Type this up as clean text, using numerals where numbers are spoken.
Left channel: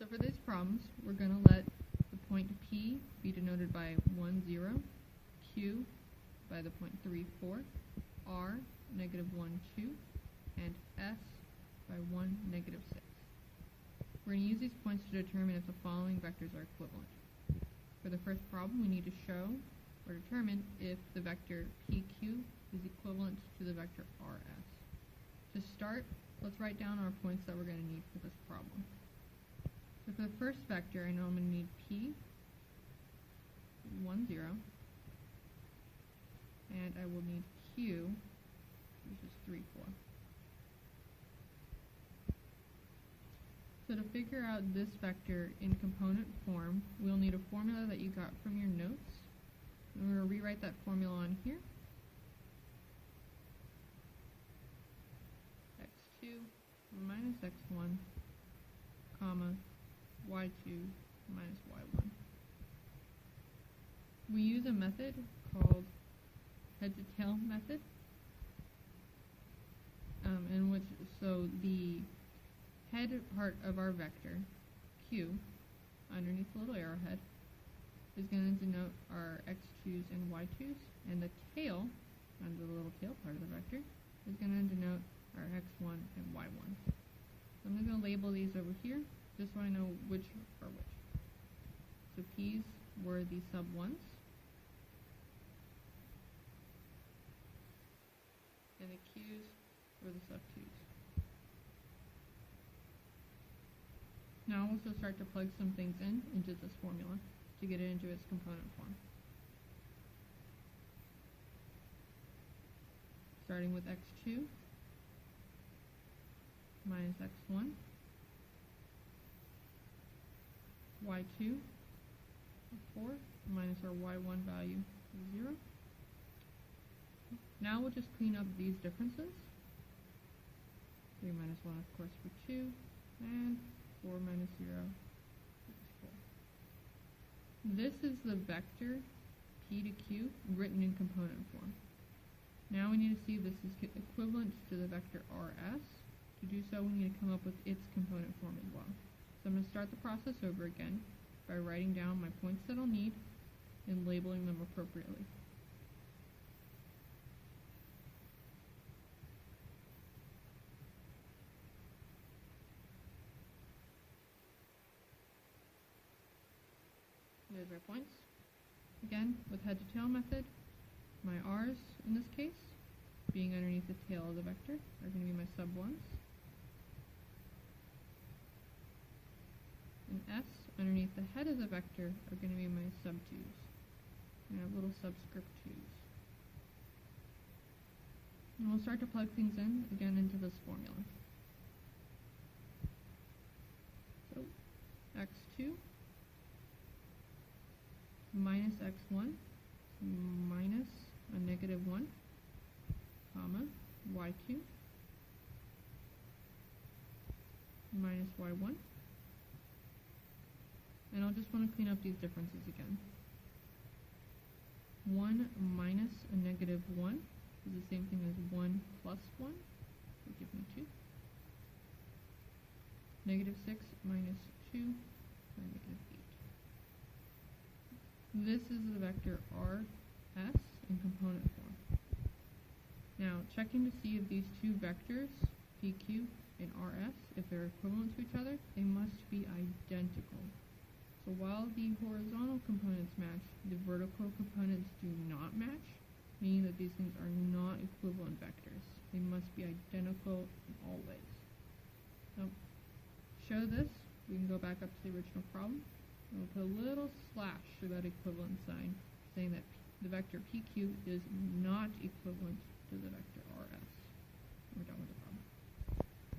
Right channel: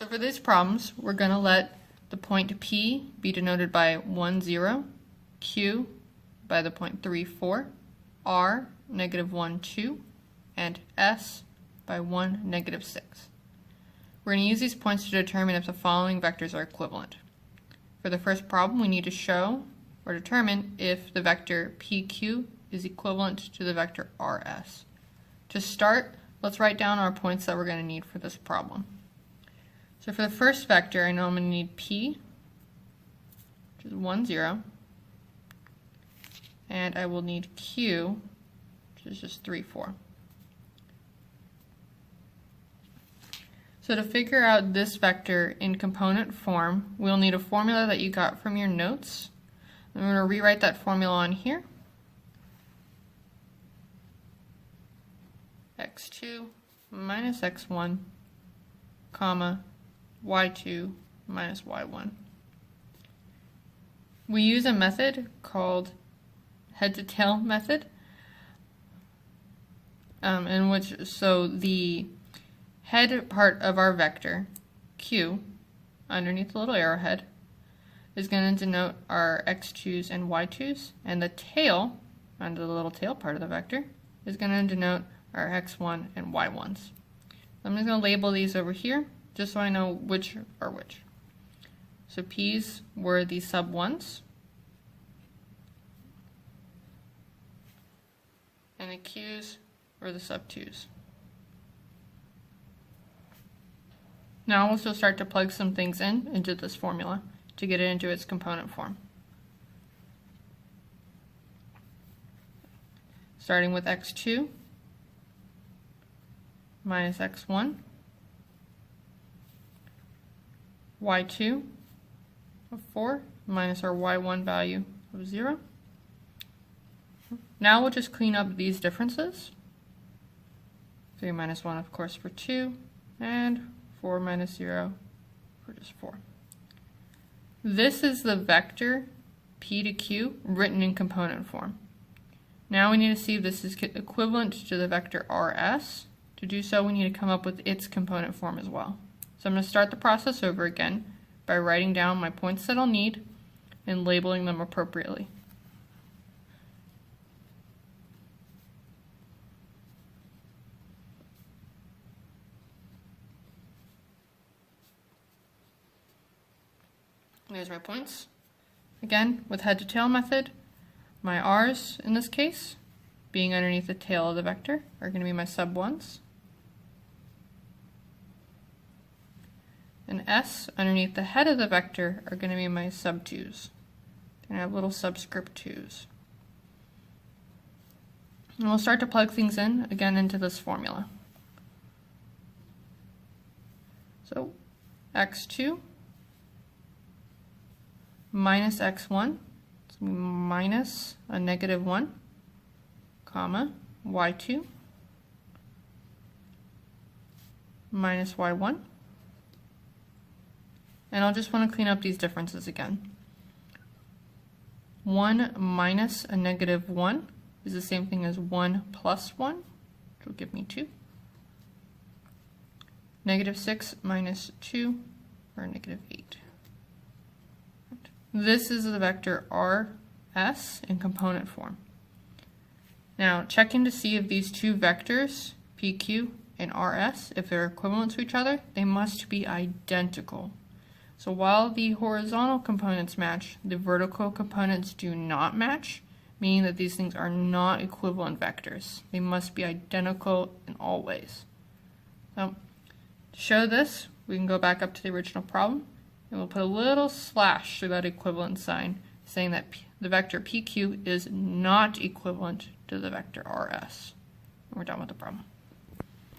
So for these problems, we're going to let the point P be denoted by 1, 0, Q by the point 3, 4, R, negative 1, 2, and S by 1, negative 6. We're going to use these points to determine if the following vectors are equivalent. For the first problem, we need to show or determine if the vector PQ is equivalent to the vector RS. To start, let's write down our points that we're going to need for this problem. So for the first vector, I know I'm going to need P, which is 1, 0, and I will need Q, which is just 3, 4. So to figure out this vector in component form, we'll need a formula that you got from your notes. I'm going to rewrite that formula on here. x2 minus x1, comma, y2 minus y1. We use a method called head-to-tail method, in which, so the head part of our vector, Q, underneath the little arrowhead, is going to denote our x2's and y2's, and the tail, under the little tail part of the vector, is going to denote our x1 and y1's. I'm just going to label these over here, just so I know which are which. So P's were the sub 1's, and the Q's were the sub 2's. Now we'll just start to plug some things into this formula to get it into its component form. Starting with x2 minus x1, y2 of 4 minus our y1 value of 0. Now we'll just clean up these differences. 3 minus 1, of course, for 2, and 4 minus 0 for just 4. This is the vector P to Q written in component form. Now we need to see if this is equivalent to the vector RS. To do so, we need to come up with its component form as well. So I'm going to start the process over again by writing down my points that I'll need and labeling them appropriately. There's my points. Again, with head-to-tail method, my R's in this case, being underneath the tail of the vector, are going to be my sub 1's. And S underneath the head of the vector are going to be my sub 2's. And I have little subscript 2's. And we'll start to plug things in again into this formula. So x2 minus x1, so minus a negative 1, comma, y2 minus y1. And I'll just want to clean up these differences again. 1 minus a negative 1 is the same thing as 1 plus 1, which will give me 2. Negative 6 minus 2, or negative 8. This is the vector RS in component form. Now, checking to see if these two vectors, PQ and RS, if they're equivalent to each other, they must be identical. So while the horizontal components match, the vertical components do not match, meaning that these things are not equivalent vectors. They must be identical in all ways. So, to show this, we can go back up to the original problem, and we'll put a little slash through that equivalent sign, saying that the vector PQ is not equivalent to the vector RS. And we're done with the problem.